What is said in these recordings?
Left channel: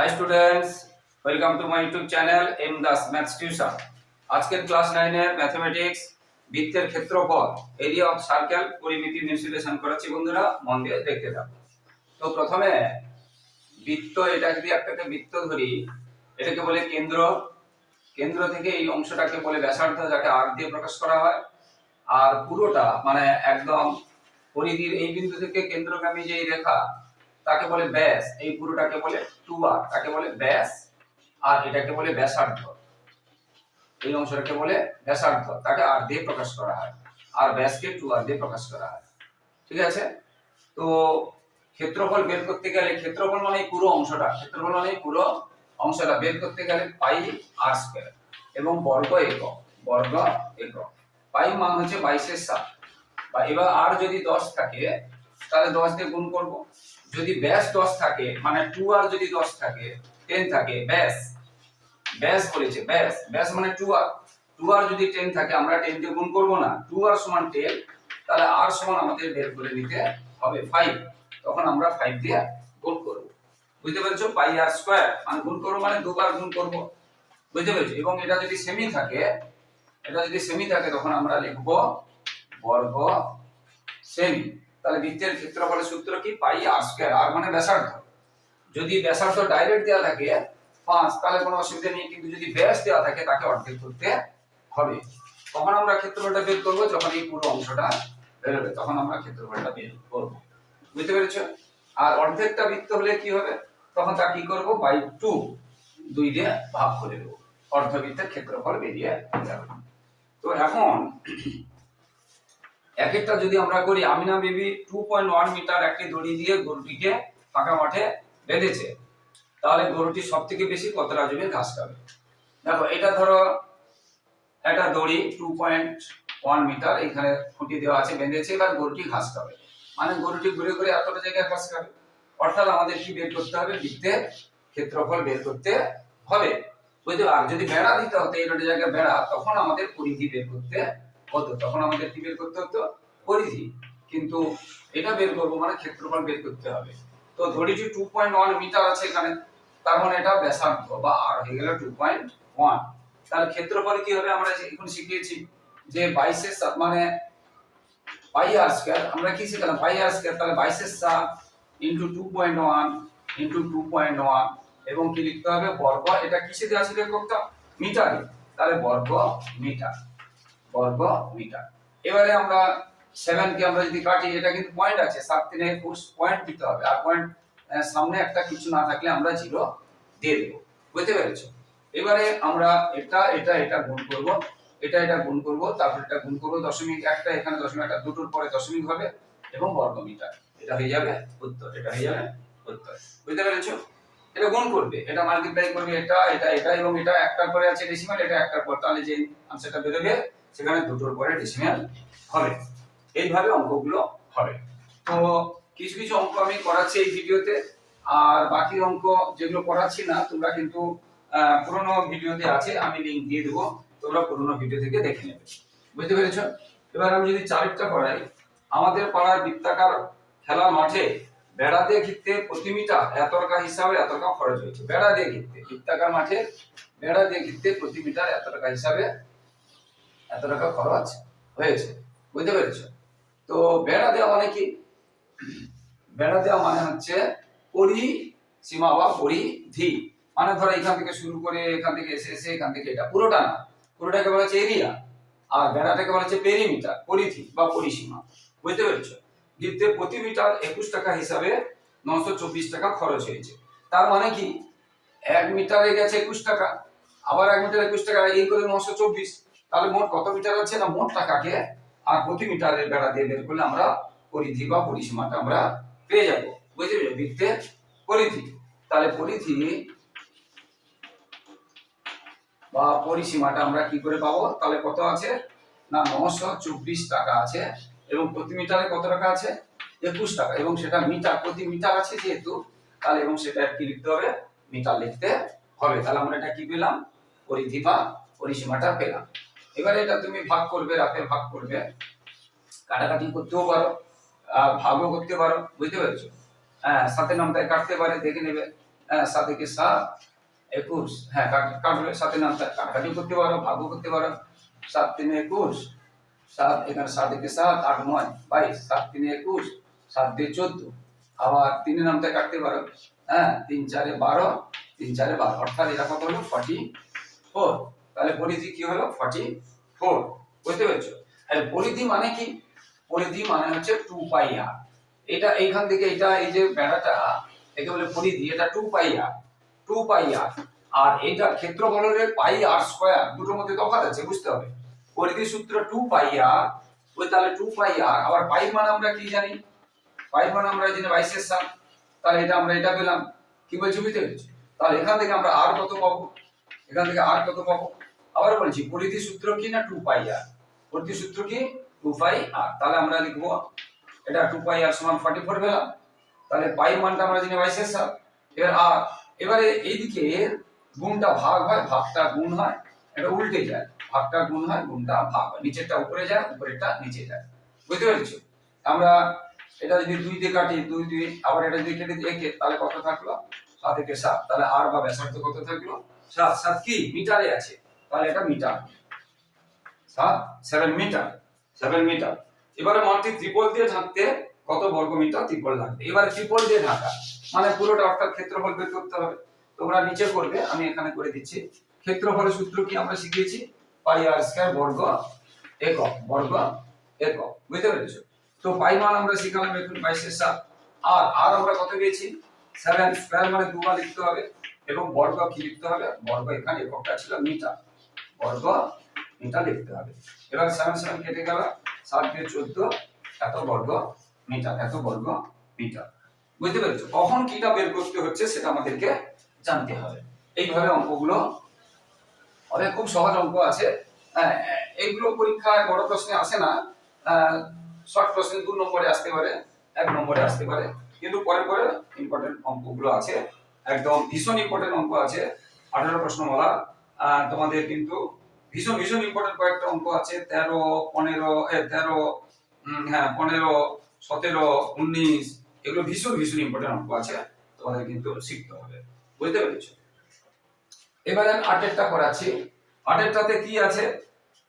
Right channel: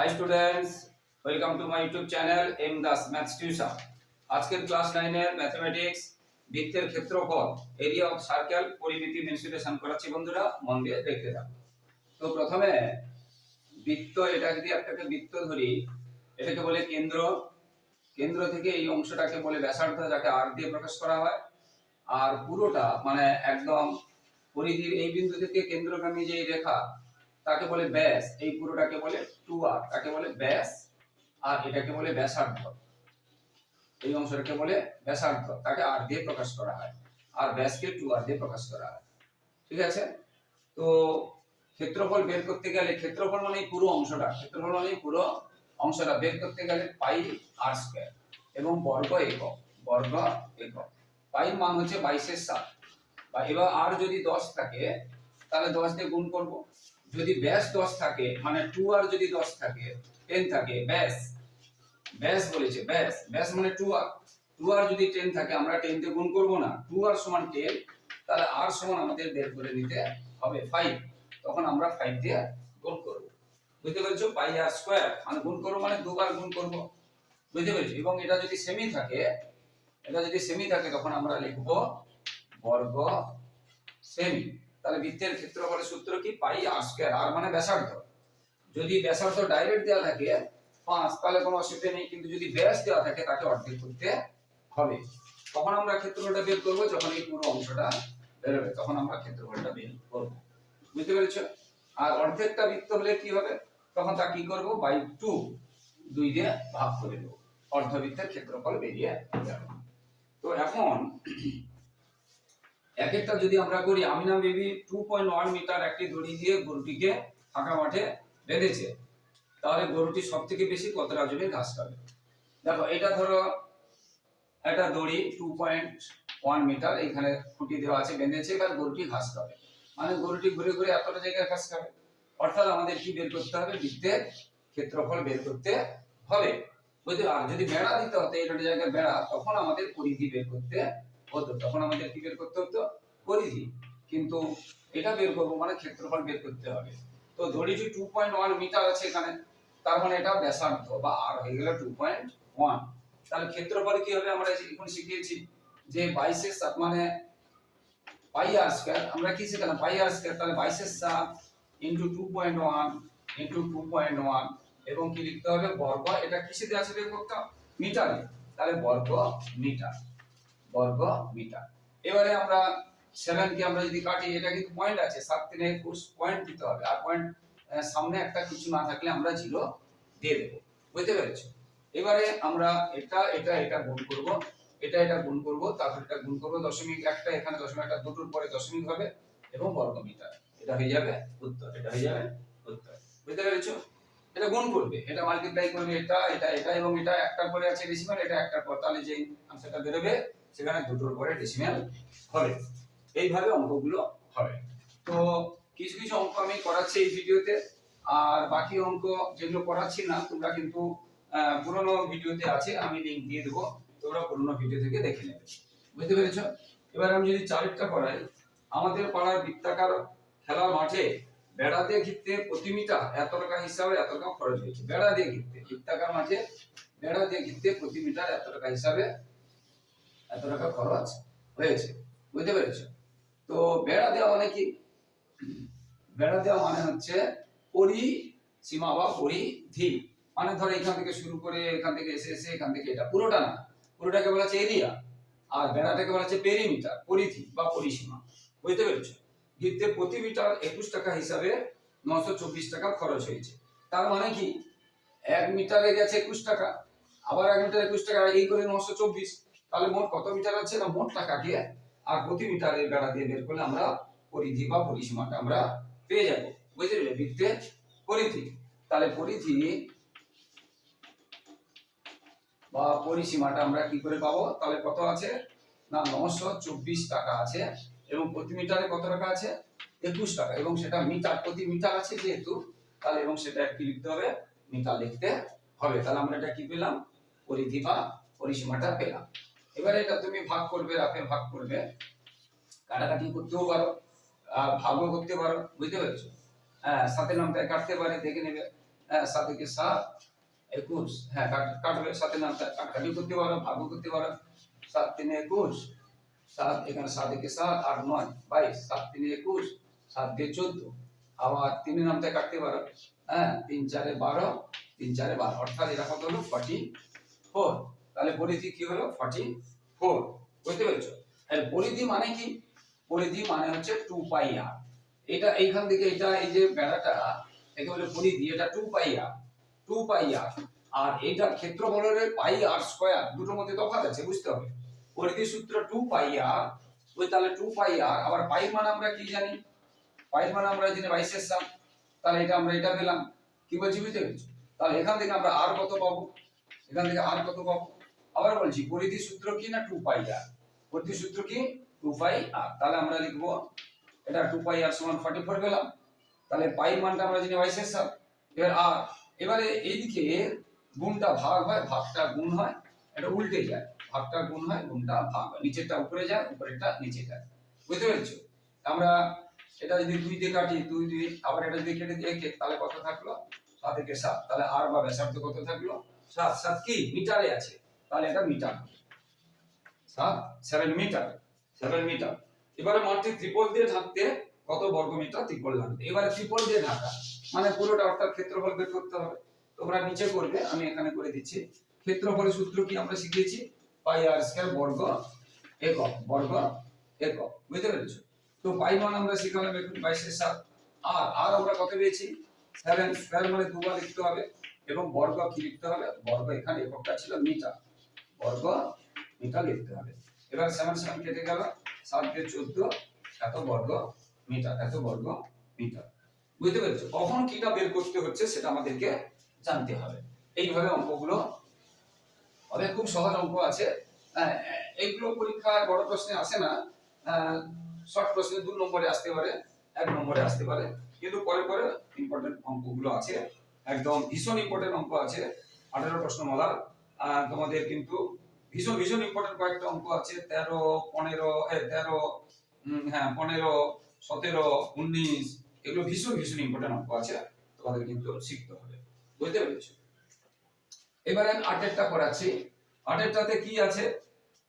Hi students welcome to my YouTube channel M Das maths tuition আজকের class নাইনের mathematics বৃত্তের ক্ষেত্রফল area of circle পরিমিতি installation করাচ্ছি বন্ধুরা, মন দিয়ে দেখতে থাকো। তো প্রথমে, বৃত্ত এটা যদি একটাকে বৃত্ত ধরি, এটাকে বলে কেন্দ্র। কেন্দ্র থেকে এই অংশটাকে বলে ব্যাসার্ধ, যাকে আর দিয়ে প্রকাশ করা হয়। আর পুরোটা মানে একদম পরিধির এই বিন্দু থেকে কেন্দ্রগামী যে রেখা তাকে বলে ব্যাস? এই পুরোটাকে বলে টু আর তাকে বলে ব্যাস? আর এটাকে বলে ব্যাসার্ধ। এই অংশটাকে বলে ব্যাসার্ধ। তাকে আর দিয়ে প্রকাশ করা হয়। আর ব্যাসকে টু আর দিয়ে প্রকাশ করা হয়। ঠিক আছে? তো ক্ষেত্রফল বের করতে গেলে, ক্ষেত্রফল মানে পুরো অংশটা। ক্ষেত্রফল মানে পুরো অংশটা। বের করতে গেলে পাই আর স্কয়ার। এবং বর্গ একক। বর্গ একক। পাই মান হচ্ছে বাইশের সাত। বা এবার আর যদি দশ থাকে, তাহলে দশ দিয়ে গুণ করব। যদি ব্যাস দশ থাকে মানে টু আর যদি দশ থাকে টেন থাকে, ব্যাস ব্যাস বলেছে, ব্যাস ব্যাস মানে টু আর টু আর যদি টেন থাকে, আমরা টেন দিয়ে গুণ করব না টু আর সমান টেন তাহলে আর সমান আমাদের বের করে নিতে হবে ফাইভ তখন আমরা ফাইভ দিয়ে গুণ করব। বুঝতে পেরেছ? পাই আর স্কোয়ার মানে গুণ করব মানে দুবার গুণ করব। বুঝতে পেরেছ? এবং এটা যদি সেমি থাকে, এটা যদি সেমি থাকে, তখন আমরা লিখব বর্গ সেমি তাহলে বৃত্তের ক্ষেত্রফলের সূত্র কি? পাই আর স্কয়ার আর মানে ব্যাসার্ধ। যদি ব্যাসার্ধ ডাইরেক্ট দেওয়া থাকে, পাঁচ, তাহলে কোনো অসুবিধা নেই, কিন্তু যদি ব্যাস দেওয়া থাকে, তাকে অর্ধেক করতে হবে। তখন আমরা ক্ষেত্রফলটা বের করব, যখন এই পুরো অংশটা বেরোবে, তখন আমরা ক্ষেত্রফলটা বের করব। বুঝতে পেরেছ? আর অর্ধেকটা বৃত্ত হলে কি হবে? তখন তা কি করব? বাই টু দুই দিয়ে ভাগ করে দেবো। অর্ধবৃত্তের ক্ষেত্রফল বেরিয়ে যাবে। তো এখন এক একটা যদি আমরা করি, আমিনা বেবি টু পয়েন্ট ওয়ান মিটার একটি দড়ি দিয়ে গরুটিকে ফাঁকা মাঠে বেঁধেছে। তাহলে গরুটি সব থেকে বেশি কতটা জমি ঘাস খাবে? দেখো, এটা ধরো একটা দড়ি টু পয়েন্ট ওয়ান মিটার এখানে খুঁটি দেওয়া আছে, বেঁধেছে, এবার গরুটি ঘাস খাবে। মানে গরুটি ঘুরে ঘুরে এতটা জায়গায় ঘাস খাবে। অর্থাৎ আমাদের কি বের করতে হবে? বৃত্তের ক্ষেত্রফল বের করতে হবে। বুঝতে আর যদি বেড়া দিতে হতো এই জায়গায় বেড়া, তখন আমাদের পরিধি বের করতে হতো তখন আমাদের কি বের করতে হতো? পরিধি। কিন্তু এটা বের করব মানে ক্ষেত্রফল বের করতে হবে। তো ধরিছি টু পয়েন্ট ওয়ান মিটার আছে এখানে তার মানে এটা ব্যাসার্ধ বা আর হয়ে গেল টু পয়েন্ট ওয়ান তাহলে ক্ষেত্রফল কি হবে? আমরা এখন শিখিয়েছি যে বাইশের সাত মানে পাই আর স্কয়ার আমরা কি শিখলাম? পাই আর স্কয়ার তাহলে বাইশের সাত into two point one into two point one এবং কি লিখতে হবে? বর্গ। এটা কিসে দেওয়া ছিল এককটা মিটারে। তাহলে বর্গ মিটার। বর্গ মিটার এবারে আমরা সেভেন কে আমরা যদি কাটি, এটা কিন্তু পয়েন্ট আছে, সাত তিনে একুশ পয়েন্ট দিতে হবে। আর পয়েন্ট সামনে একটা কিছু না থাকলে আমরা জিরো দিয়ে দেবো। বুঝতে পেরেছ? এবারে আমরা এটা এটা এটা গুণ করব, এটা এটা গুণ করব তারপর এটা গুণ করব দশমিক একটা, এখানে দশমিক একটা, দুটোর পরে দশমিক হবে এবং বর্গ মিটার এটা হয়ে যাবে উত্তর, এটা হয়ে যাবে উত্তর। বুঝতে পেরেছ? এটা গুণ করবে, এটা মাল্টিপ্লাই করবে, এটা এটা এটা এবং এটা একটার পরে আছে ডেসিমাল এটা একটার পর, তাহলে যে আনসারটা বেরোবে সেখানে দুটোর পরে ডেসিমাল হবে। এইভাবে অঙ্কগুলো হবে। তো কিছু কিছু অঙ্ক আমি করাচ্ছি এই ভিডিওতে। আর বাকি অঙ্ক যেগুলো করাচ্ছি না, তোমরা কিন্তু পুরোনো ভিডিওতে আছে, আমি লিংক দিয়ে দেবো। তোমরা পুরোনো ভিডিও থেকে দেখে নেবে। বুঝতে পেরেছ? এবার আমি যদি চারিটটা করাই, আমাদের পাড়ার বৃত্তাকার খেলার মাঠে বেড়া দিয়ে ঘিরতে প্রতি মিটার এত টাকা হিসাবে এত টাকা খরচ হয়েছে। বেড়া দিয়ে ঘিরতে, বৃত্তাকার মাঠে বেড়া দিয়ে ঘিরতে প্রতি মিটার এত টাকা হিসাবে এত টাকা খরচ হয়েছে, বুঝতে পেরেছ? তো বেড়া দেওয়া মানে কি? বেড়া দেওয়া মানে হচ্ছে পরিসীমা বা পরিধি। মানে ধরো এখান থেকে শুরু করে এখান থেকে এসে এসে এখান থেকে এটা। পুরোটা না, পুরোটাকে বলা হচ্ছে এরিয়া। আর বেড়াটাকে বলা হচ্ছে পেরিমিটার পরিধি বা পরিসীমা। বুঝতে পেরেছ? বৃত্তে প্রতি মিটার একুশ টাকা হিসাবে নশো চব্বিশ টাকা খরচ হয়েছে। তার মানে কি? এক মিটারে গেছে একুশ টাকা, আবার এক মিটার একুশ টাকা, এই করে নশো চব্বিশ। তাহলে মোট কত মিটার আছে? না, মোট টাকাকে আর প্রতি মিটারের বেড়া দিয়ে বের করলে আমরা পরিধি বা পরিসীমাটা আমরা পেয়ে যাব। বুঝতে পেরেছ? বৃত্তের পরিধি। তাহলে পরিধি বা পরিসীমাটা আমরা কি করে পাবো? তাহলে কত আছে? না, নশো চব্বিশ টাকা আছে। এবং প্রতি মিটারে কত টাকা আছে? একুশ টাকা। এবং সেটা মিটার, প্রতি মিটার আছে যেহেতু, তাহলে এবং সেটা কি লিখতে হবে, মিটার লিখতে হবে। তাহলে আমরা এটা কি পেলাম? পরিধি বা পরিসীমাটা পেলাম। এবারে এটা তুমি ভাগ করবে রাতে ভাগ করবে। কাটাকাটি করতেও পারো, আর ভাগও করতে পারো, বুঝতে পেরেছ? হ্যাঁ সাথে নামটায় কাটতে পারে, দেখে নেবে। হ্যাঁ সাত একে সাত, একুশ। হ্যাঁ কাট- কাটবে সাথে নাম কাটাকাটিও করতে পারো, ভাগও করতে পারো। সাত তিনে একুশ, সাত এখানে সাত একে সাত, আট নয়, বাইশ। সাত তিনে একুশ, সাত দিয়ে চোদ্দ। আবার তিনে নামতে কাটতে পারো। হ্যাঁ তিন চারে বারো, তিন চারে বারো। অর্থাৎ এটা কত হলো? ফর্টি ফোর তাহলে পরিধি কি হলো? ফর্টি ফোর বুঝতে পেরেছ? আর পরিধি মানে কি? পরিধি মানে হচ্ছে টু পাই আর এটা এইখান থেকে এটা এই যে বেড়াটা, একে বলে পরিধি এটা টু পাই আর টু পাই আর আর এইটার ক্ষেত্রফল হলে পাই আর স্কোয়ার দুটোর মধ্যে তফাৎ আছে, বুঝতে হবে। পরিধি সূত্র টু পাই আর ওই তাহলে টু পাই আর আবার পাই মানে আমরা কি জানি? পাই মানে আমরা জানি বাইশের সাত তাহলে এটা আমরা এটা পেলাম। কি বলছি, বুঝতে পেরেছি? তাহলে এখান থেকে আমরা আর কত পাবো? এখান থেকে আর কত পাবো? আবার বলছি, পরিধি সূত্র কি না টু পাই আর পরিধি সূত্র কি? টু পাই আর তাহলে আমরা লিখব, এটা টু পাই আর সমান ফর্টি ফোর পেলাম তাহলে পাই মানটা আমরা জানি বাইশের সাত এবার আর এবারে এইদিকে গুণটা ভাগ হয়, ভাগটা গুণ হয়, এটা উল্টে যায়। ভাগটা গুণ হয়, গুণটা ভাগ হয়। নিচেরটা উপরে যায়, উপরেরটা নিচে যায়। বুঝতে পেরেছ? আমরা এটা যদি দুই দিয়ে কাটি, দুই দুই আবার এটা দিয়ে কেটে দিয়ে তাহলে কত থাকল? সাত থেকে সাত। তাহলে আর বা ব্যাসার্ধ কত থাকল? সাত। সাত কি? মিটারে আছে। তাহলে এটা মিটার। সাত সেভেন মিটার সেভেন মিটার এবারে মাঠটি ত্রিপল দিয়ে ঢাকতে কত বর্গ মিটার ত্রিপল লাগবে? এবারে ত্রিপল দিয়ে ঢাকা। মানে পুরোটা অর্থাৎ ক্ষেত্রফল বের করতে হবে। তোমরা নিচে করবে, আমি এখানে করে দিচ্ছি। ক্ষেত্রফলের সূত্র কি আমরা শিখিয়েছি? পাই আর স্কয়ার বর্গ একক বর্গ একক। বুঝতে পেরেছ? তো পাই মান আমরা শিখালাম এখন বাইশের সাত। আর আর আমরা কত পেয়েছি? সেভেন স্কয়ার মানে দুবার লিখতে হবে। এবং বর্গ কি লিখতে হবে? বর্গ এখানে এককটা ছিল মিটার। বর্গ মিটার লিখতে হবে। এবার সেভেন সেভেন কেটে গেল সাত দিয়ে চোদ্দ এত বর্গ মিটার এত বর্গ মিটার। বুঝতে পেরেছ? কখন কিটা বের করতে হচ্ছে সেটা আমাদেরকে জানতে হবে। এইভাবে অঙ্কগুলো অনেক খুব সহজ অঙ্ক আছে। হ্যাঁ, এইগুলো পরীক্ষায় বড় প্রশ্নে আসে না। শর্ট প্রশ্নে দু নম্বরে আসতে পারে এক নম্বরে আসতে পারে। কিন্তু পরে পরে ইম্পর্টেন্ট অঙ্কগুলো আছে। একদম ভীষণ ইম্পর্টেন্ট অঙ্ক আছে। আঠারো প্রশ্নমালা আহ, তোমাদের কিন্তু ভীষণ ভীষণ ইম্পর্টেন্ট কয়েকটা অঙ্ক আছে। তেরো, পনেরো তেরো হ্যাঁ পনেরো, সতেরো, উনিশ, এগুলো ভীষণ ভীষণ ইম্পর্টেন্ট অঙ্ক আছে। তোমাদের কিন্তু শিখতে হবে। বুঝতে পেরেছ? এবারে আমি আটেরটা করাচ্ছি আটেরটাতে কি আছে?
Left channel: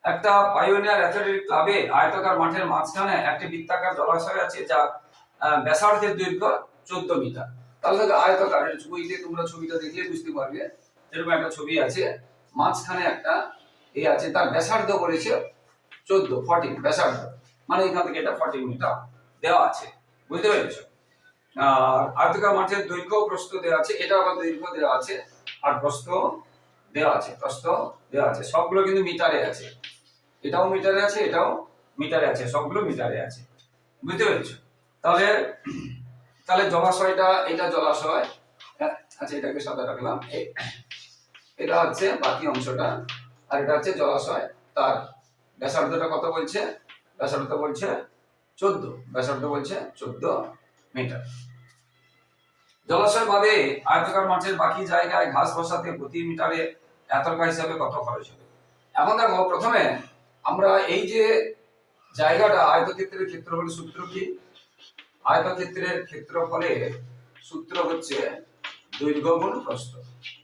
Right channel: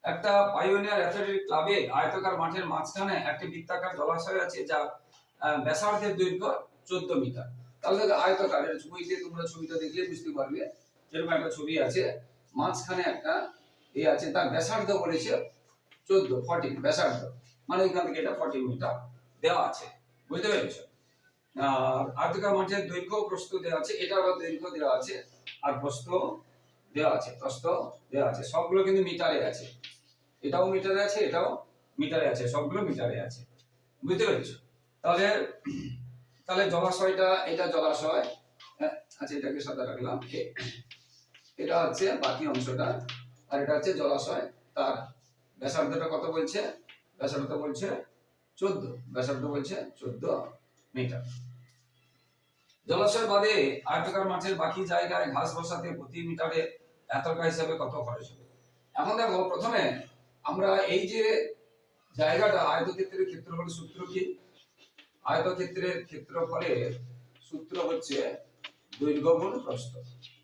একটা পাইওনিয়ার অ্যাথলেটিক ক্লাবে আয়তাকার মাঠের মাঝখানে একটি বৃত্তাকার জলাশয় আছে যা ব্যাসার্ধের দৈর্ঘ্য চোদ্দ মিটার। তাহলে আয়তাকার ছবিতে তোমরা ছবিটা দেখলে বুঝতে পারবে। এরকম একটা ছবি আছে মাঝখানে একটা এ আছে তার ব্যাসার্ধ বলেছে চোদ্দ ফর্টিন ব্যাসার্ধ। মানে এখান থেকে এটা ফর্টিন মিটার দেওয়া আছে। বুঝতে পেরেছ? আর আয়তাকার মাঠের দৈর্ঘ্য প্রস্থ দেওয়া আছে এটা আবার দৈর্ঘ্য দেওয়া আছে আর প্রস্থ দেওয়া আছে প্রস্থ দেওয়া আছে। সবগুলো কিন্তু মিটারে আছে। এটাও মিটারে আছে এটাও মিটারে আছে সবগুলো মিটারে আছে। বুঝতে পেরেছ? তাহলে তাহলে জলাশয়টা এটা জলাশয় হ্যাঁ, আচ্ছা এটাকে সাদা রাখলাম। এটা হচ্ছে বাকি অংশটা, আর এটা হচ্ছে জলাশয়। তার ব্যাসার্ধটা কত বলছে? ব্যাসার্ধ বলছে চোদ্দ। ব্যাসার্ধ বলছে চোদ্দ মিটার। জলাশয় বাদে মাঠের বাকি জায়গায় ঘাস বসাতে প্রতি মিটারে এত টাকা হিসাবে কত খরচ হবে? এখন দেখো, প্রথমে আমরা এই যে জায়গাটা, আয়তক্ষেত্রের ক্ষেত্রফলের সূত্র কি? আয়তক্ষেত্রের ক্ষেত্রফলের সূত্র হচ্ছে দৈর্ঘ্য গুণ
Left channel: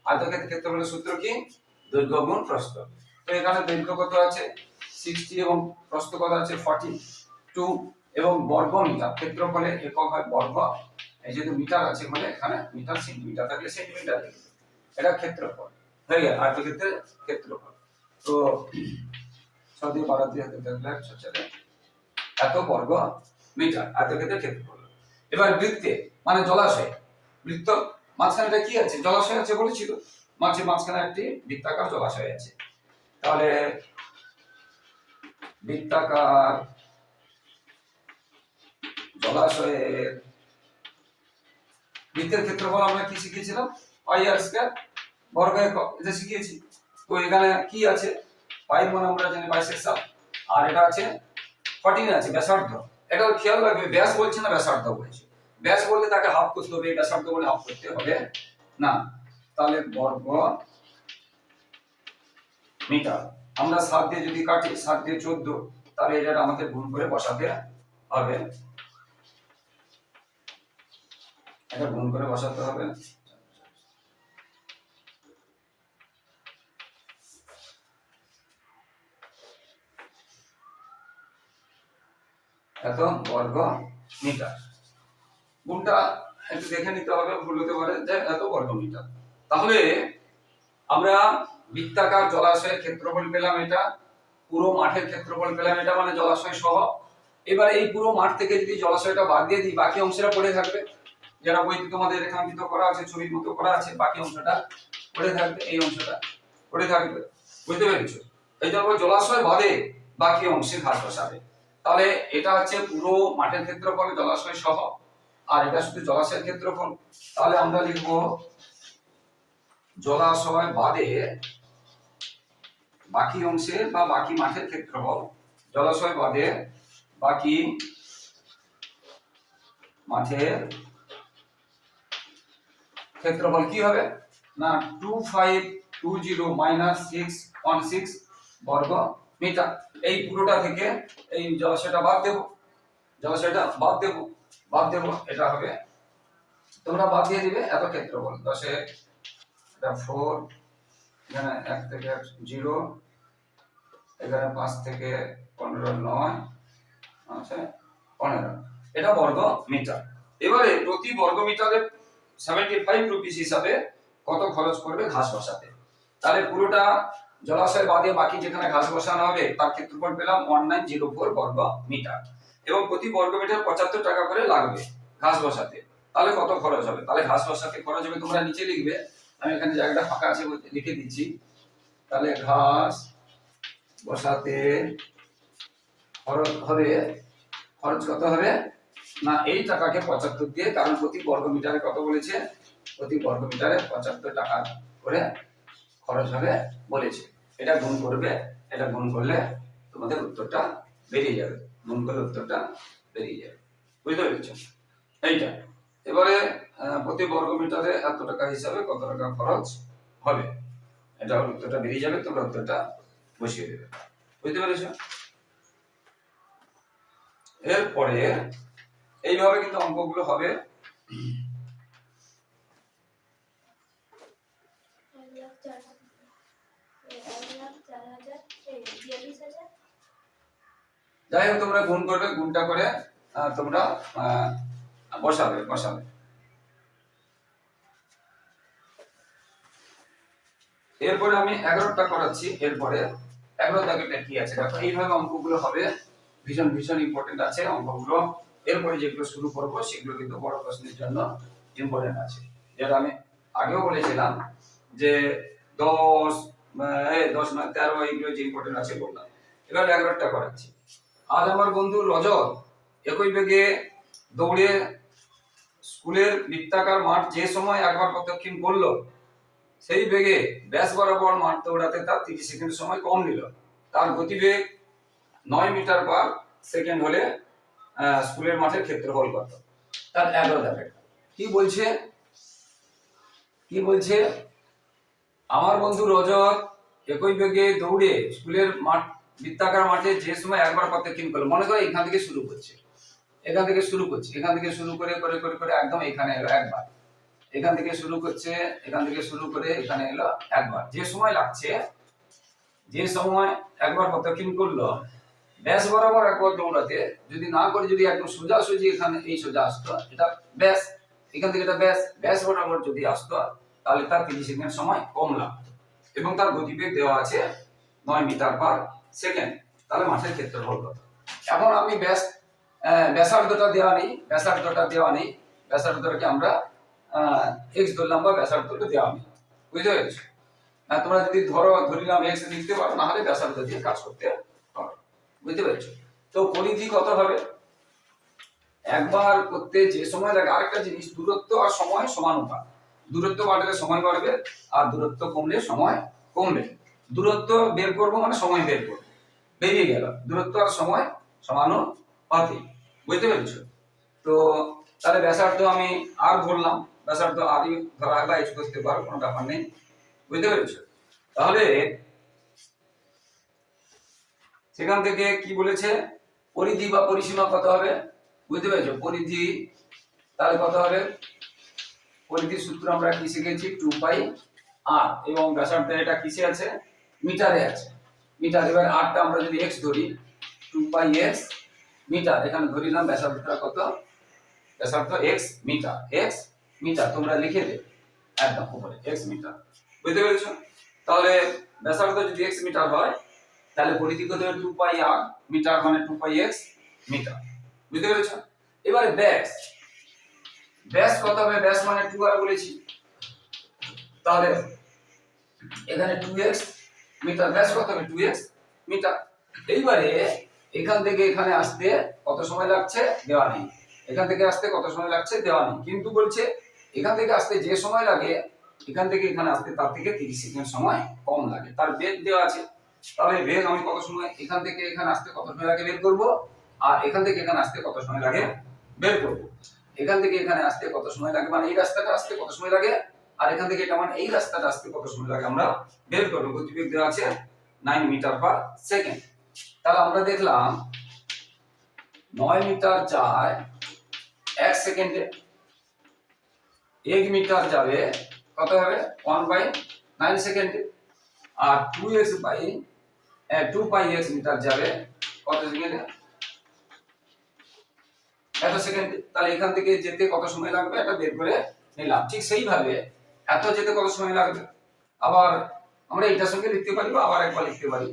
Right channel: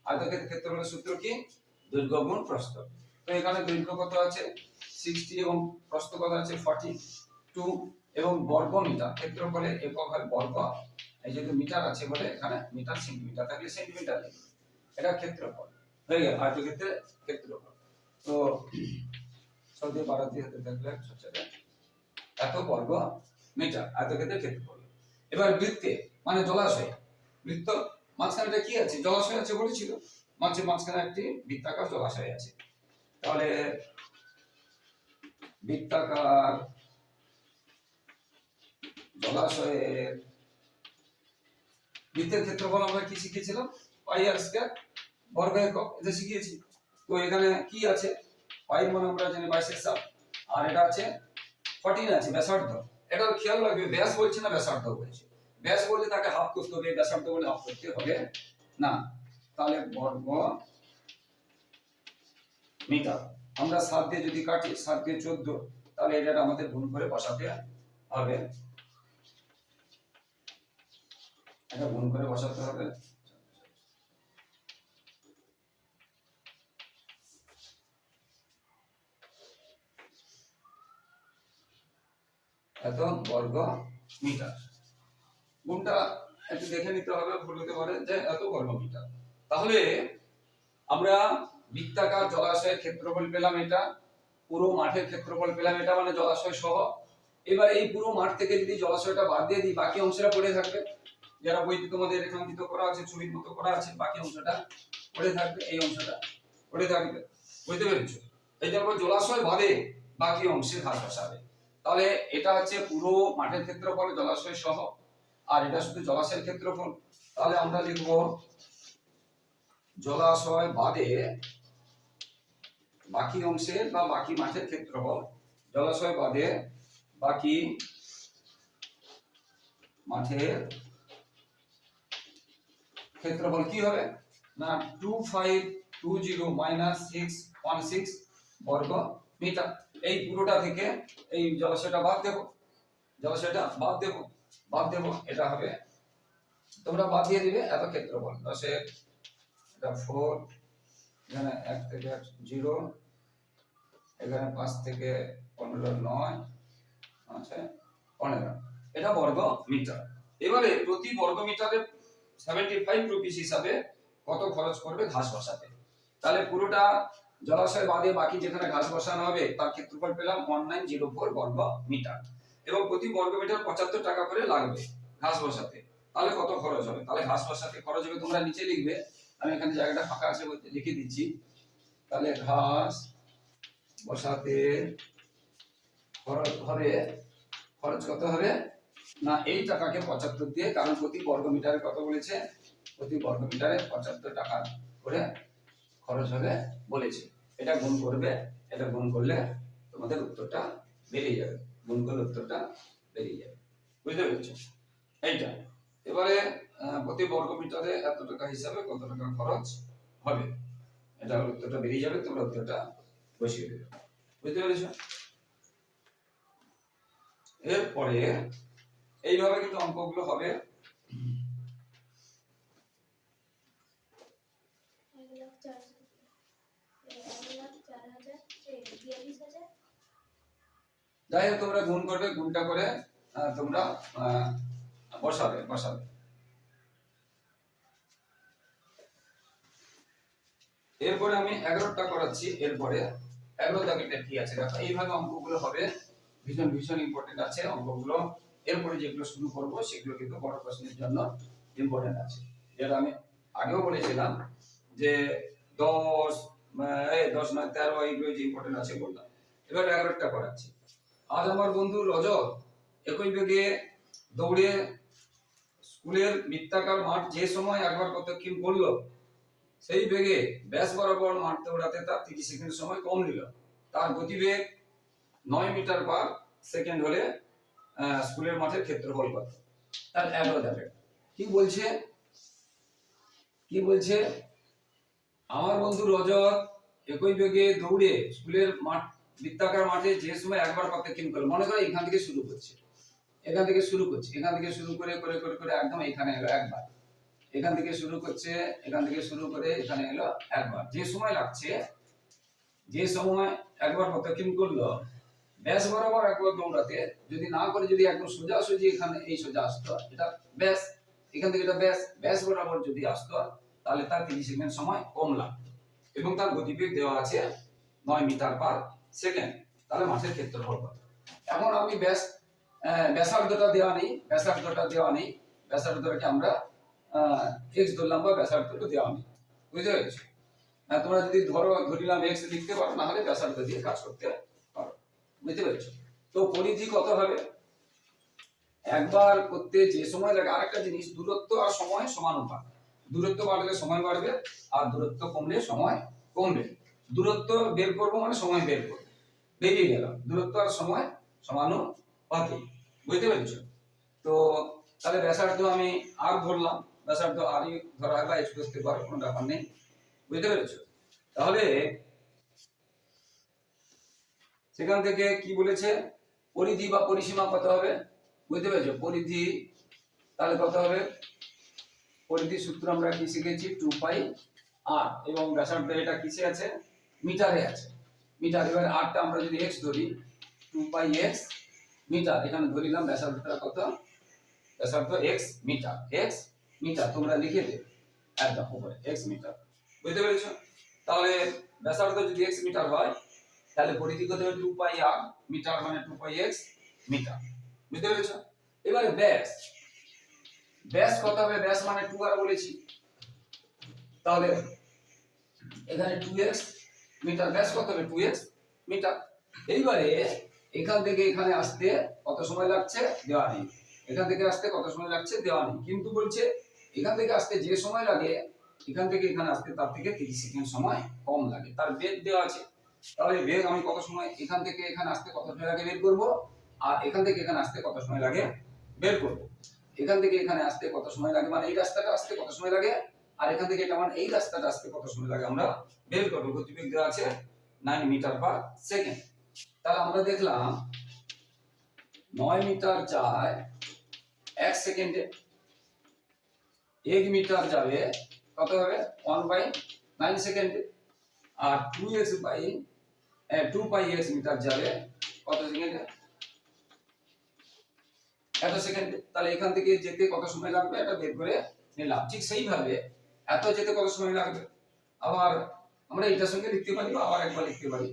আয়তক্ষেত্রের ক্ষেত্রফলের সূত্র কি? দৈর্ঘ্য গুণ প্রস্থ। তো এখানে দৈর্ঘ্য কত আছে? সিক্সটি এবং প্রস্থ কত আছে? ফর্টি টু এবং বর্গ মিটার। ক্ষেত্রফলের একক হয় বর্গ। এই যেহেতু মিটার আছে বলে এখানে মিটার সেন্টিমিটার থাকলে সেন্টিমিটার এটা ক্ষেত্রফল। হয়ে গেল আয়তক্ষেত্রের ক্ষেত্রফল। তো সদিয়ে বাড়াতে হাতে থাকলে চারে। এত বর্গ মিটার। আয়তক্ষেত্রের ক্ষেত্রফল। এবার বৃত্তে মানে জলাশয়, বৃত্ত মাঝখানেটা কি আছে? জলাশয় আছে বলেছিল। মাঝে মাঝখানে একটি বৃত্তাকার জলাশয় আছে। তাহলে বৃত্তাকার জলাশয়ের বৃত্তের ক্ষেত্রফল আমরা কি শিখেছিলাম পাই আর স্কয়ার বর্গ একক। এটা শিখিয়েছি। তো এখানে কি আছে? পাই মানে আমরা জানি সাত আর এটা আছে, ফর্টিন আছে, ব্যাসার্ধ। এটা খেয়াল রাখবে, ব্যাস বলছে না, ব্যাসার্ধ বলছে। ব্যাস বললে তাকে হাফ করতে হবে ব্যাসার্ধ বলে হাফ করতে হবে। না, তাহলে বর্গ মিটার। আমরা সাত দিয়ে যদি কাটি, সাত দিয়ে চোদ্দ, তাহলে এটা আমাদের গুণ করে বসাতে হবে। এটা গুণ করে বসাতে হবে। এত বর্গ মিটার। গুণটা একটু দেখে নিতে হবে, ভুল হতে পারে। যে এত বর্গ মিটার তাহলে আমরা বৃত্তাকার জলাশয়ের ক্ষেত্রফল পেলাম এটা, পুরো মাঠের ক্ষেত্রফল পেলাম এটা মানে জলাশয় সহ। এবারে এই পুরো মাঠ থেকে যদি জলাশয়টা বাদ দিয়ে দিই, বাকি অংশটা পড়ে থাকবে। যারা বইতে তোমাদের রেখাঙ্কিত করা আছে, ছবির মতো করা আছে, বাকি অংশটা পড়ে থাকবে, এই অংশটা পড়ে থাকবে। বুঝতে পেরেছ? এই জন্য জলাশয় বাদে বাকি অংশে ঘাস বসাবে। তাহলে এটা হচ্ছে পুরো মাঠের ক্ষেত্রফল, জলাশয় সহ। আর এটা শুধু জলাশয়ের ক্ষেত্রফল তাহলে আমরা লিখব জলাশয় বাদে বাকি অংশের বা বাকি মাঠের ক্ষেত্রফল জলাশয় বাদে বাকি মাঠের ক্ষেত্রফল কি হবে? না two five two zero minus six one six বর্গ মিটার। এই পুরোটা থেকে এই জলাশয়টা বাদ দেব। জলাশয়টা বাদ দেব। বাদ দেব এটা হবে। তোমরা বাদ দিয়ে দিবে, এত ক্ষেত্রফল। দশে এটা ফোর এখানে এক থেকে জিরো এখানে পাঁচ থেকে পনেরো, নয় আচ্ছা পনেরো। এটা বর্গ মিটার। এবারে প্রতি বর্গ মিটারে সেভেন্টি ফাইভ রুপিস হিসাবে কত খরচ করবে ঘাস বসাতে? তাহলে পুরোটা জলাশয় বাদে বাকি যেখানে ঘাস বসানো হবে, তার ক্ষেত্রফল পেলাম ওয়ান নাইন জিরো ফোর বর্গ মিটার। এবং প্রতি বর্গ মিটার পঁচাত্তর টাকা করে লাগবে ঘাস বসাতে। তাহলে কত খরচ হবে? তাহলে ঘাস বসাতে খরচ হবে তোমরা নিচে লিখবে। আমি এখানে জায়গাটা ফাঁকা আছে লিখে দিচ্ছি। তাহলে ঘাস বসাতে খরচ হবে, খরচ কত হবে? না, এই টাকাকে পঁচাত্তর দিয়ে, কারণ প্রতি বর্গ মিটারে কত বলেছে? প্রতি বর্গ মিটারে পঁচাত্তর টাকা করে খরচ হবে বলেছে। এটা গুণ করবে, এটা গুণ করলে তোমাদের উত্তরটা বেরিয়ে যাবে। গুণ করলে উত্তরটা বেরিয়ে যাবে। বুঝতে পেরেছ? এইটা। এবারে প্রতি বর্গ মিটারে এত টাকা হিসাবে কত টাকা খরচ হবে? এটা উত্তরটা বেরিয়ে যাবে, তোমরা উত্তরটা বসিয়ে দেবে। বুঝতে পেরেছ? এরপরে, এইভাবে কিন্তু অঙ্কগুলো হবে এক লাখ চার এক লাখ চার হাজার এই বিয়াল্লিশ হাজার যাই হোক, তোমরা গুণ করবে, গুণটা করে তোমরা বসাবে বসাবে। এরপরে আমি এগারোটা করাচ্ছি, এরপরে এগারো কি আছে? দেখো, এইভাবে অঙ্কগুলো হবে। ভীষণ ভীষণ ইম্পর্টেন্ট আছে অঙ্কগুলো। এরপরে যেগুলো শুরু করব, সেগুলো কিন্তু বড় প্রশ্নের জন্য ইম্পর্টেন্ট আছে। যেটা আমি আগেও বলেছিলাম যে দশ দশ তেরো, এইগুলো যে ইম্পর্টেন্ট আছে বললাম। এবার এগারোটা করাচ্ছি। আজ আমার বন্ধু রজত একই বেগে দৌড়ে স্কুলের বৃত্তাকার মাঠ যে সময় একবার প্রদক্ষিণ করল, সেই বেগে ব্যাস বরাবর মাঠ দৌড়াতে তার তিরিশ সেকেন্ড সময় কম নিল। তার গতিবেগ নয় মিটার পার সেকেন্ড হলে স্কুলের মাঠের ক্ষেত্রফল কত? তার এগারো দেখে কি বলছে? কি বলছে? আমার বন্ধু রজত একই বেগে দৌড়ে স্কুলের মাঠ বৃত্তাকার মাঠে যে সময় একবার প্রত্যক্ষিণ করল, মনে করো এখান থেকে শুরু করছে। এখান থেকে শুরু করছে, এখান থেকে শুরু করে করে করে করে একদম এখানে এলো একবার। এখান থেকে শুরু করছে, এখান থেকে শুরু করে এখানে এলো একবার। যে সময় লাগছে, যে সময় একবার প্রত্যক্ষিণ করল, ব্যাস বরাবর একবার দৌড়াতে, যদি না করে যদি একদম সোজা সোজি এখানে এই সোজা আসতো, এটা ব্যাস, এখান থেকে এটা ব্যাস ব্যাস বরাবর যদি আসতো, তাহলে তার তিরিশ সময় কম লাগতো। এবং তার গতিবেগ দেওয়া আছে নয় মিটার পার। সেকেন্ড তাহলে মাঠের ক্ষেত্রফল কত এখন আমি ব্যাস ব্যাসার্ধটা দেওয়া নেই ব্যাসার্ধটা দেওয়া নেই ব্যাসার্ধটাকে আমরা এক্স ধরলাম বা ব্যাসার্ধটা দেওয়া নেই। বুঝতে পেরেছ? আহ, তোমরা যদি ধরো ধরিলাম এক্স লিখতে পারো না হলে ব্যাসার্ধ দিয়ে কাজ করতে পারো। বুঝতে পেরেছ? তো পরিধি কত হবে? একবার করতে যে সময় লাগে আরেকটা জিনিস দূরত্ব আর সময় সমানুপাত। দূরত্ব বাড়লে সময় বাড়বে আর দূরত্ব কমলে সময় কমবে। দূরত্ব বের করব মানে সময় বের করব। বেরিয়ে গেল। দূরত্ব আর সময় সমানুপাতিক বুঝতে পেরেছ? তো তাহলে ব্যাসার্ধ আমি আর ধরলাম। ব্যাসার্ধ আরই ধরা বা এক্স করতে পারো কোনো ব্যাপার নেই। বুঝতে পেরেছ? তাহলে সেখান থেকে কি বলেছে? পরিধি বা পরিসীমা কত হবে? বুঝতে পেরেছ? পরিধি তাহলে কত হবে? পরিধি সূত্র আমরা কি শিখেছি? টু পাই আর এবং ব্যাসার্ধ এটা কিসে আছে? মিটারে আছে। মিটার, এবার আরটা আমরা যদি এক্স ধরি টু পাই এক্স মিটার, এখানে ধরিলাম ব্যাসার্ধটা কত? ব্যাসার্ধ এক্স মিটার এক্স মিটার, তোমরা লিখে দে, একদম উপরে এক্স মিটার। বুঝতে পেরেছ? তাহলে ব্যাসার্ধ যদি এক্স মিটার হয়, তাহলে পরিধি কত হবে টু পাই আর মিটার মানে টু পাই এক্স মিটার। বুঝতে পেরেছ? এবারে ব্যাস। ব্যাস কত হবে? ব্যাস মানে টু আর বলেছি। তাহলে এখানে টু এক্স মিটার, ব্যাস কত হবে টু এক্স মিটার। এইবারে এখান থেকে এখানে আসতে কত সময় লাগছে? দেওয়া নেই। এখান থেকে আসতে কত সময় লাগছে? দেওয়া নেই। কিন্তু বলছে, এখান থেকে আসতে যে সময় লাগে, এখান থেকে এখানে আসতে তার থেকে তিরিশ সেকেন্ড সময় কম লাগে। তার বেগ দেওয়া আছে। তাহলে বেগ আমি কত সময় এখান থেকে এখানে আসতে কত সময় লাগে বের করব? আর এখান থেকে এখানে আসতে কত সময় লাগে বের করব? এখান থেকে এখানে আসতে কত সময় লাগে? মানে এই রাস্তাটা আসতে কত সময় লাগে? আর এখান থেকে এটা মানে এই রাস্তাটা আসতে কত সময় লাগে আমরা বের করব, গতিবেগ দেওয়া আছে নাইন মিটার পার সেকেন্ড তাহলে আমরা দেখলাম নয় মিটার যায় এক সেকেন্ডে এক মিটার যাবে কত হবে? ওয়ান বাই নাইন সেকেন্ডে আর two x by two pi x metre যাবে কত সেকেন্ডে এত সেকেন্ড তাহলে এখান থেকে যেতে কত সময় লাগবে? এটা বের করে নিলাম। ঠিক সেইভাবে এত যেতে কত সময় লাগবে? আবার আমরা এটার সঙ্গে লিখতে পারি বা আবার একবার লিখতে পারি।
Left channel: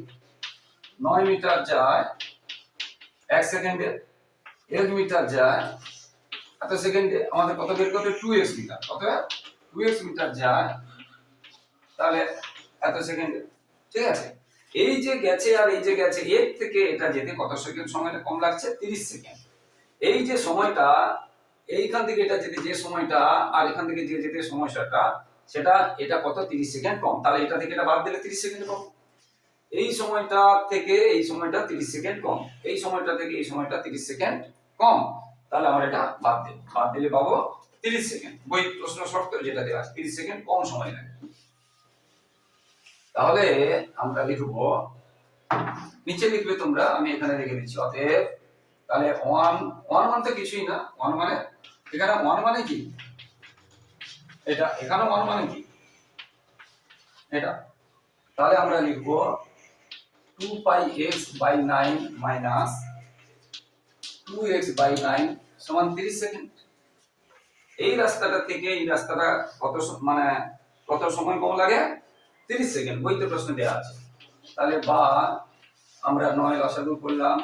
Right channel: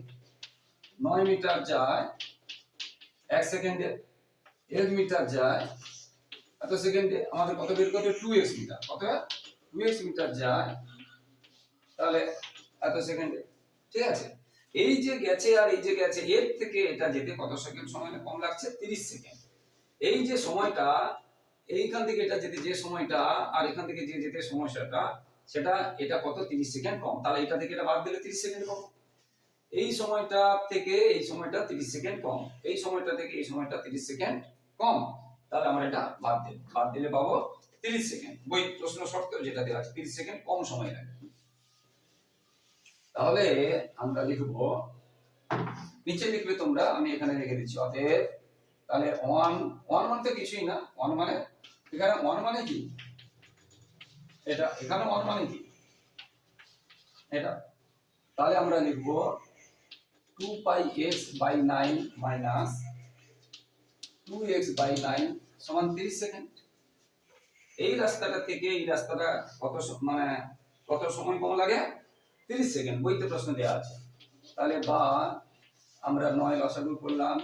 নয় মিটার যায় এক সেকেন্ডে, এক মিটার যায় এত সেকেন্ডে, আমাদের কত বের করতে টু এক্স মিটার। কত টু এক্স মিটার যায় তাহলে এত সেকেন্ডে। ঠিক আছে? এই যে গেছে আর এই যে গেছে, এর থেকে এটা যেতে কত সেকেন্ড? সময় কম লাগছে, তিরিশ সেকেন্ড। এই যে সময়টা এইখান থেকে এটা যেতে যে সময়টা আর এখান থেকে যে যেতে সময়টা সেটা এটা কত? তিরিশ সেকেন্ড কম। তাহলে এটা থেকে এটা বাদ দিলে তিরিশ সেকেন্ড কম। এই সময়টা থেকে এই সময়টা তিরিশ সেকেন্ড কম। এই সময়টা থেকে এই সময়টা তিরিশ সেকেন্ড কম। তাহলে আমার এটা বাদ দিই বাদ দিলে পাবো তিরিশ সেকেন্ড। বই প্রশ্ন শর্ত যেটা দেওয়া আছে, তিরিশ সেকেন্ড কম সময় লাগে। তাহলে আমরা লিখব, নিচে লিখবে তোমরা, আমি এখানে রেখে দিচ্ছি, অতএব তাহলে ওয়ান ওয়ান মানে তো কিছুই না। ওয়ান মানে এখানে ওয়ান মানে কি? এটা, এখানে ওয়ান মানে কি? এটা। তাহলে আমরা লিখব two pi x by nine minus two x by nine সমান তিরিশ সেকেন্ড এই রাস্তাটা থেকে এই রাস্তাটা কত মানে কত সময় কম লাগে? তিরিশ সেকেন্ড বইতে প্রশ্ন দেওয়া আছে। তাহলে বা আমরা নয় লসাগু করলাম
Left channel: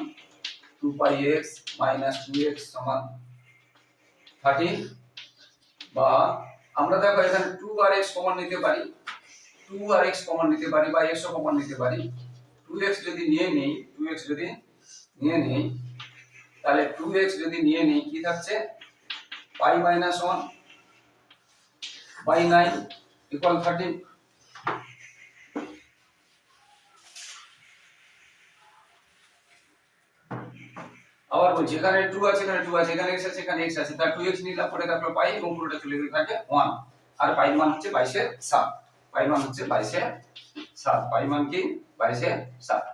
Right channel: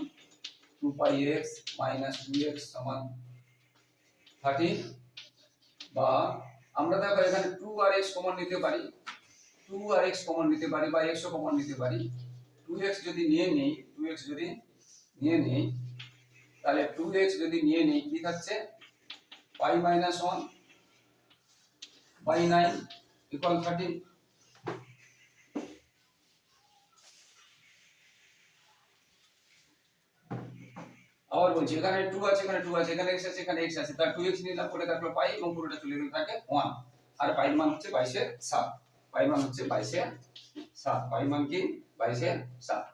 two pi x minus two x সমান থার্টি বা আমরা দেখো এখানে টু আর এক্স কমন নিতে পারি টু আর এক্স কমন নিতে পারি বা এক্স কমন নিতে পারি। টু এক্স যদি নিয়ে নিই টু এক্স যদি নিয়ে নিই, তাহলে টু এক্স যদি নিয়ে নিই, কি থাকছে? Pi minus one by nine equal thirteen আবার বলছি এখানে টু আছে, এখানে টু আছে, এখানে এক্স আছে, এখানে এক্স আছে, তার টু এক্স নিলাম পরে তারপর পাই এবং পুরোটা চলে গেলে থাকে ওয়ান আর পাই মান হচ্ছে বাইশের সাত। পাই মান হচ্ছে বাইশের সাত। পাই মান কি? বাইশের সাত।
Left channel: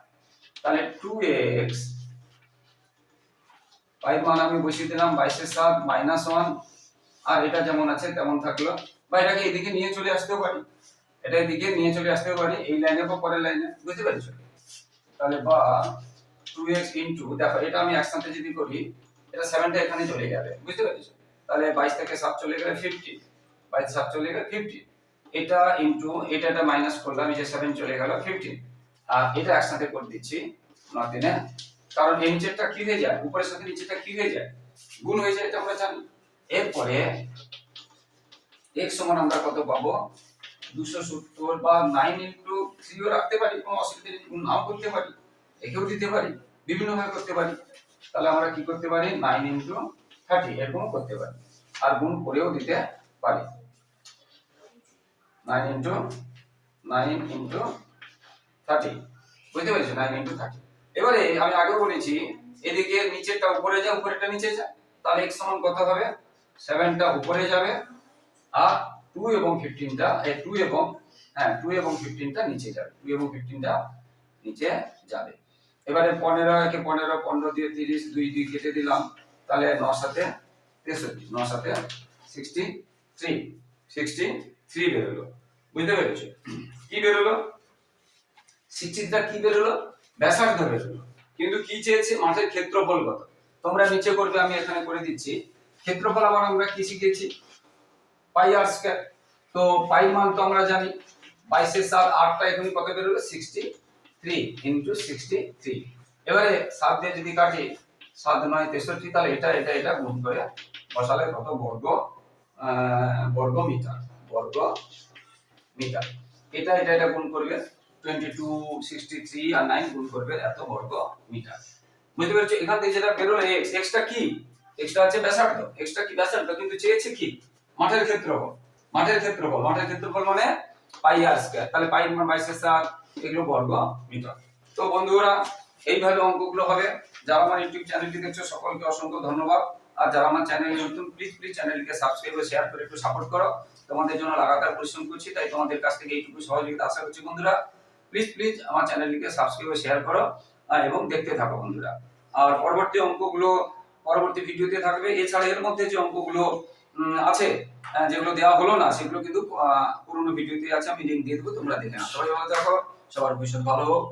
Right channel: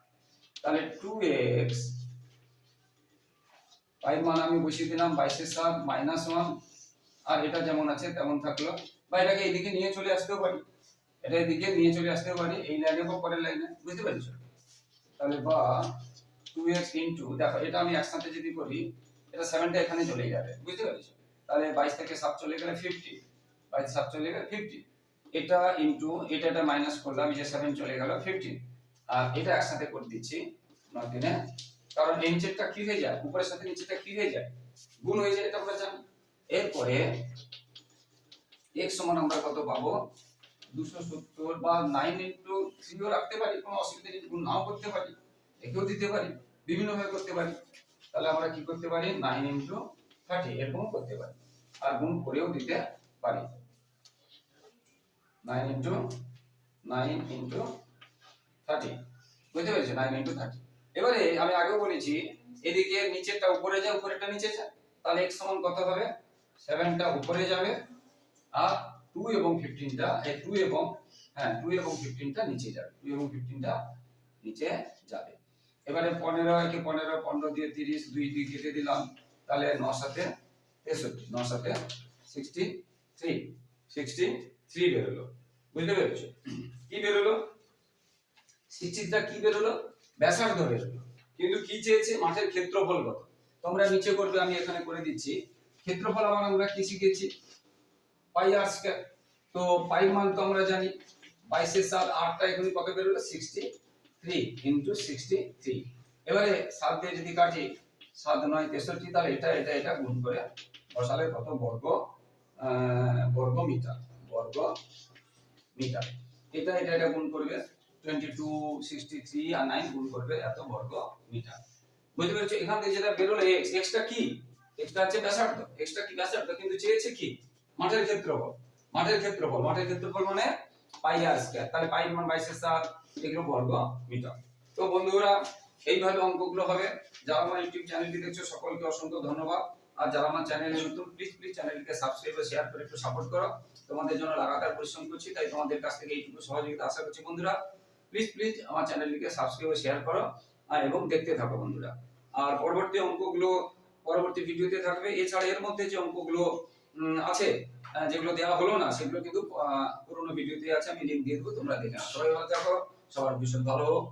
তাহলে টু এক্স পাই মান আমি বসিয়ে দিলাম বাইশের সাত মাইনাস ওয়ান আর এটা যেমন আছে তেমন থাকল। বা এটাকে এদিকে নিয়ে চলে আসতেও পারি। এটা এদিকে নিয়ে চলে আসতেও পারি। এই লাইনে বা পরের লাইনে, বুঝতে পেরেছ? তাহলে বা টু এক্স দেখো, এটা আমি একসাথে যদি করি, এটা সেভেনটা এখানে চলে যাবে বুঝতে পেরেছ? তাহলে বাইশ থেকে সাত চলে গেলে ফিফটি বাইশ সাত চলে গেলে ফিফটি এটা ইন্টু এটা এটা মাইনাস করলাম, এই যে সেভেন চলে গেল ফিফটিন আর এটা একসাথে করে দিচ্ছি ন দিনে। কারণ এই নিচেরটা কি হয়ে যায়? উপরের সাথে নিচেরটা কি হয়ে যায়? গুণ হয়ে যায়, এটা আমরা জানি। এরপরে, x সমান আমরা কত পাবো? দুশো সত্তর বা নাইন ইন্টু থ্রিও রাখতে পারি, কোনো অসুবিধা নেই, গুণ নাও করতে পারি। একেও দিতে পারি বিভিন্ন ভাবে করতে পারি। তাহলে আমরা কি করতে পারি? নাইন ইন্টু থার্টি এরকম করতে পারি। আর গুণ করেও দিতে পারি। Nine into nine into thirty বুঝতে পেরেছ? নাইন ইন্টু থার্টি এবারে আমি আগেও বলেছি, এদিকে নিচেরটা উপরে যায় উপরেরটা নিচে যায় তাহলে x সমান কত হবে? সেভেনটা উপরে যাবে। আর টু এবং ফিফটিনটা টু এবং হ্যাঁ টু এবং ফিফটিনটা নিচে যাবে। টু এবং ফিফটিনটা নিচে যাবে। এবারে পনেরো, একে পনেরো পনেরো দিয়ে তিরিশ, দুই দুই কেটে দিলাম, তাহলে ন সাথে তেষট্টি ন সাথে সিক্সটি থ্রি সিক্সটি থ্রি বেরোলো। বুঝতে পেরেছ? কি বেরোলো? সিক্সটিটা কি বেরোলো? ব্যাসার্ধ বেরোলো। কিন্তু কি চেয়েছে? মাঠের ক্ষেত্রফল কত? তোমরা নিচে করবে, আমি এখানে করে দিচ্ছি। ক্ষেত্রফল আবার আমরা কি শিখেছি? Pi r square. তো পাই মান তো আমরা জানি। বাইশের সাত, আটটা এখানে কত বেরোলো? সিক্সটি থ্রি এবারে সাত দিয়ে যদি কাটি, সাত নয় তেষট্টি, তাহলে এটা এটা এটা গুণ করে বসালে কত? বর্গ বর্গ মিটার বর্গ মিটার। এটা এটা এটা গুণ করবে টোয়েন্টি টু সিক্সটি থ্রি আর নাইন গুণ করবে এত বর্গ মিটার। বুঝতে পেরেছ? এখান থেকে যেটা এক্স এক্সটা কি? এক্সটা আছে ব্যাসার্ধ। এক্সটা কি ব্যাসার্ধ? কিন্তু চেয়েছে কি? মাঠের ক্ষেত্রফল। মাঠের ক্ষেত্রফল। মাঠের ক্ষেত্রফল মানে পাই আর তাহলে পাই বাইশের সাত এগুলো বর্গ মিটার। তো বন্ধুরা, এইভাবে অঙ্কগুলো হবে। যারা আমার ইউটিউব চ্যানেলটি দেখছ, সকলকে অসংখ্য ধন্যবাদ। আর যারা আমার চ্যানেলে নতুন প্লিজ প্লিজ চ্যানেলকে সাবস্ক্রাইব ও শেয়ার করে একটু সাপোর্ট করো। তোমাদের জন্য লাগাতার পরিশ্রম করছি, তাই তোমাদের কাছ থেকে এইটুকু সহযোগিতা আশা করছি বন্ধুরা। প্লিজ প্লিজ আমার চ্যানেলটিকে সাবস্ক্রাইব ও শেয়ার করো এবং দেখতে থাকো বন্ধুরা। আর পরবর্তী অঙ্কগুলো, পরবর্তী ভিডিওতে থাকবে। এছাড়া এর মধ্যে যে অঙ্কগুলো আছে যেগুলো দেওয়া হলো না, সেগুলো কিন্তু পুরোনো ভিডিওতে আছে, আমি লিঙ্ক দিয়ে দেবো, তোমরা দেখে নাও। সবাই ভালো থাকো। সবার ভীষণ ভালো হোক।